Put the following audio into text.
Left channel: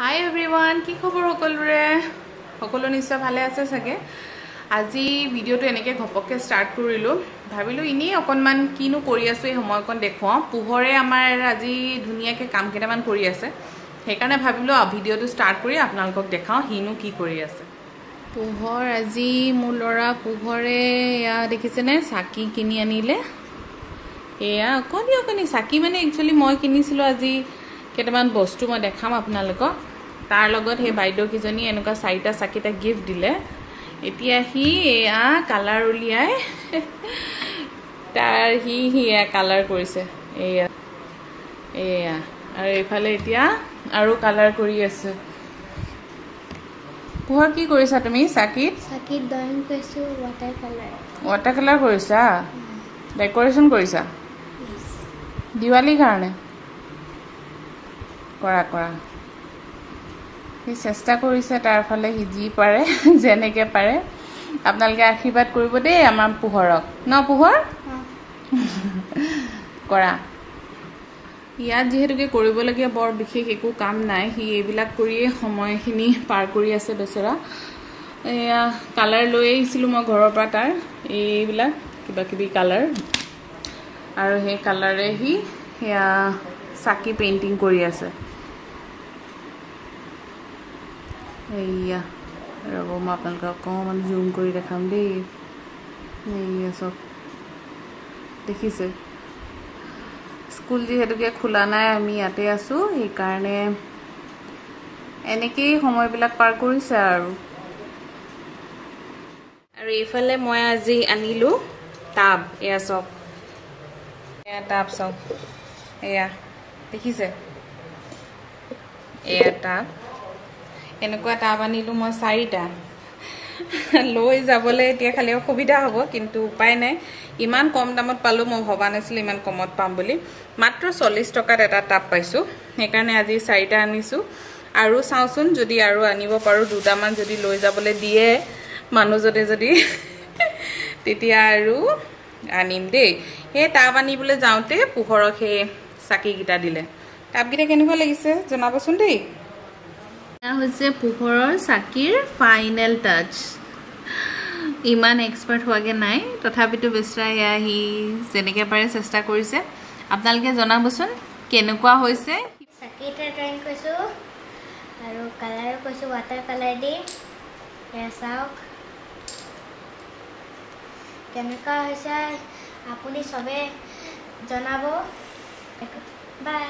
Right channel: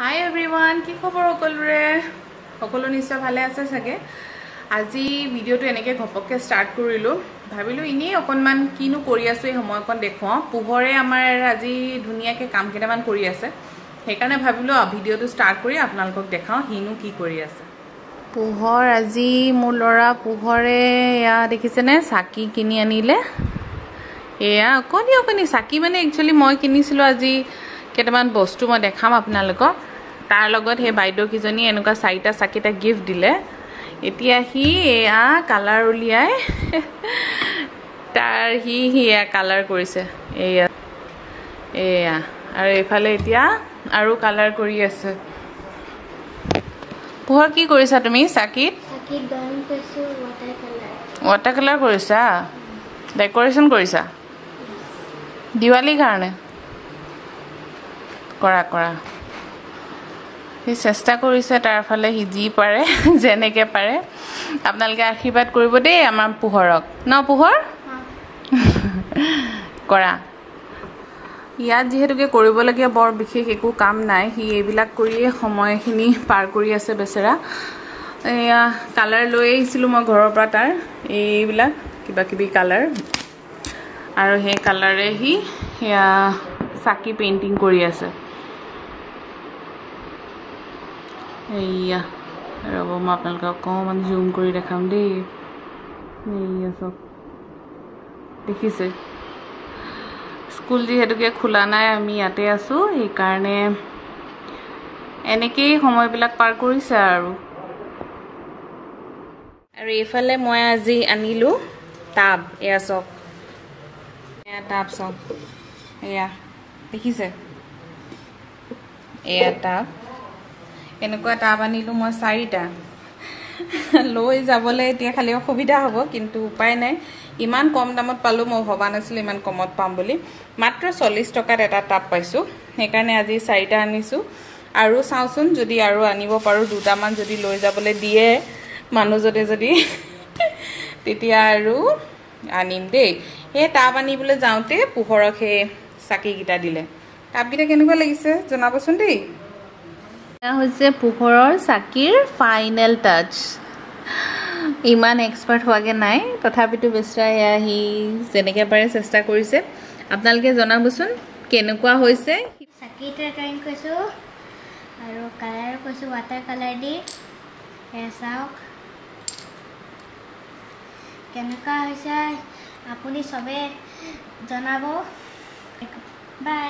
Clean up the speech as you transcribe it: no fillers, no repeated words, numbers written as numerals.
Hi everyone, কি খবৰ সকলোৰে সকলো নিশ্চয় ভালে আছে সাগে আজি ভিডিওটো এনেকে ঘপককে স্টাৰ্ট কৰিলো ভাবিলো ইনি অকনমান কিনো কৰি আছো এই সময়কন দেখুৱা পোহৰে আমাৰ আজি ধুনিয়াকে কাম কেটামান কৰি আছে সেইকাৰণে ভাবিলো ভিডিওটো স্টাৰ্ট কৰি আপোনালোকক দেখাও হিনো কি কৰি আছে পোহৰ আজি মোৰ লৰা পোহৰে ইয়া দেখিছেনে সাকি কিনি আনিলে এয়া কোনি সাকি মানে একচুয়ালি মই কিনিছিলো আজি কেটামান বস্তু মই দেখাম আপোনালোকক তাৰ লগত হে বাইদেউ কিজনী এনেকা চাইটা সাকিটা গিফট দিলে এতিয়া হি এয়া কালাৰ উলিয়াই তাৰ হি এয়া কালাৰ কৰিছে এয়া আৰু এফালে এতিয়া আৰু কালাৰ কৰি আছে পোহৰ কি কৰিছা তুমি সাকিত ড্ৰয়িং কৰিছো ওয়াটাৰ কালাৰ কৰিছা ডেকোৰেশন কৰিছা দিৱালী কাৰণে কৰা হি চেষ্টা কৰিছে তাৰ ফালে হি জি পাৰে জেনেকে পাৰে আপোনালোকে আশীৰ্বাদ কৰিব দেই আমাৰ পোহৰক ন পোহৰ কৰা ইয়াত যেহেতুকে কৰিবলগীয়া বৰ বিশেষ একো কাম নাই হি এইবিলাক কৰিয়ে সময়খিনি পাৰ কৰি আছে বেচেৰা এয়া কালাৰ লৈ আহিছিলো মই ঘৰৰ পৰা তাৰ এইবিলাক কিবা কিবি কালাৰ আৰু হে কালাৰে হি ইয়া সাকি পেইন্টিং কৰি আছে এয়া ৰব মই আপোনালোকক অকমান জুম কৰি দেখাম দেই এয়া সব দেখিছে স্কুল যেহেতুকে খোলা নাই আমি ইয়াতে আছো এই কাৰণে এনেকেই সময়বিলাক পাৰ কৰিছে আৰু এইফালে মই আজি আনিলো টাব এয়া সব এয়া টাব সব এয়া দেখিছে এয়া টাব এনেকুৱা টাব আনিলো মই 4টা লৈ যাবলৈ এতিয়া খালি অসুবিধা হ'ব কিন্তু উপায় নাই ইমান কম দামত পালো মই ভবা নাছিল ইমান কমত পাম বুলি মাত্ৰ 40 টকাত এটা টাব পাইছো সেইকাৰণে আজি 4টা আনিছো আৰু চাওচোন যদি আৰু আনিব পাৰো দুটামান যদি লৈ যাবলৈ দিয়ে মানুহজনে যদি তেতিয়া আৰু আনিম দেই এই টাব আনিবলৈ যাওঁতে পোহৰক হে সাকি গিটা দিলে টাব গিটা কেনেকুৱা লাগিছে জনাবচোন দেই হৈছে পোহৰৰ সাকিৰ ফাইনেল টাচ ইমান এক্সপাৰ্ট হোৱাগে নাই তথাপিতো বেচৰা হি যেনেকে পাৰে চেষ্টা কৰিছে আপোনালোকে জনাবচোন কেনেকুৱা হৈছে সাকিটা ড্ৰয়িং কৰিছো আৰু কালাৰ কৰিছো ওয়াটাৰ কালাৰ দি চাওক কেনেকুৱা হৈছে আপুনি সবে জনাব বাই